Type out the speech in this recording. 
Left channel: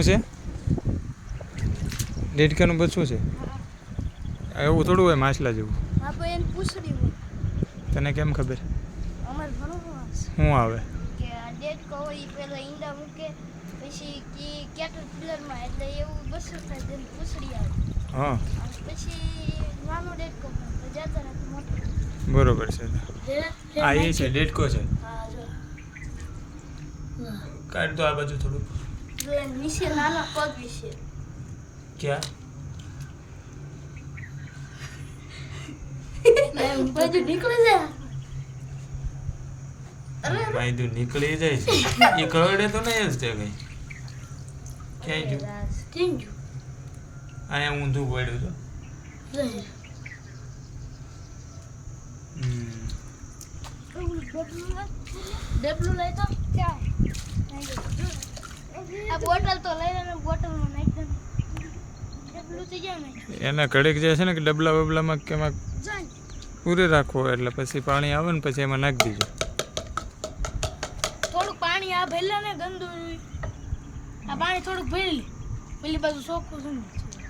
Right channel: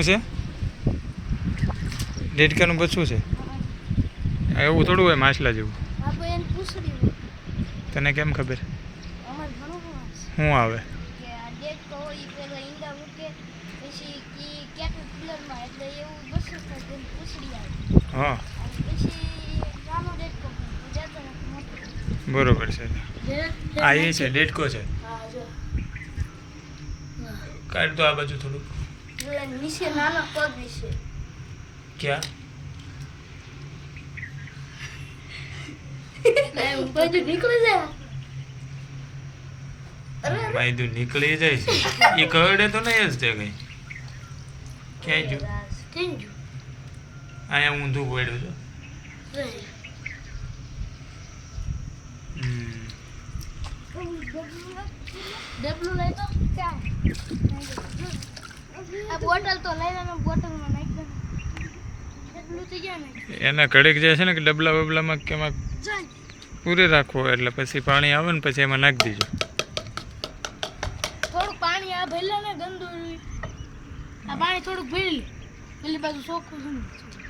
શું છે દેડકાનું બચ્ચું છે એવું થોડું હોય માછલા જેવું તને કેમ ખબર શું આવે હા બરોબર છે આ એ છે દેડકો છે કાઢ તો આ બાજુ થોડુંક નીચે નાનો પગ છે ક્યાં બાજુ નીકળી જાય માયદું નીકળી જાય છે એ કરડે તો નહીં જ તે કઈ ક્યાંય જો અહીંયા ઊંધું પડ્યું છો ડબલું લઈ તો ક્યાં આ બોટલ તો લઈ લેને બોટલમાં નાખ દે ડબલું તો ગયા ને એના કડક જાય છે ને કે ડબલા બબલામાં કેમાં પૂરે રાખવો એટલે પછી પાણી આવે ને પછી એમાં નાખી દીજો થોડું પાણી આ ભરેલા ને ગંદુ આ પાણી થોડુંક ભરી પેલી બાજુ ચોખ્ખું છે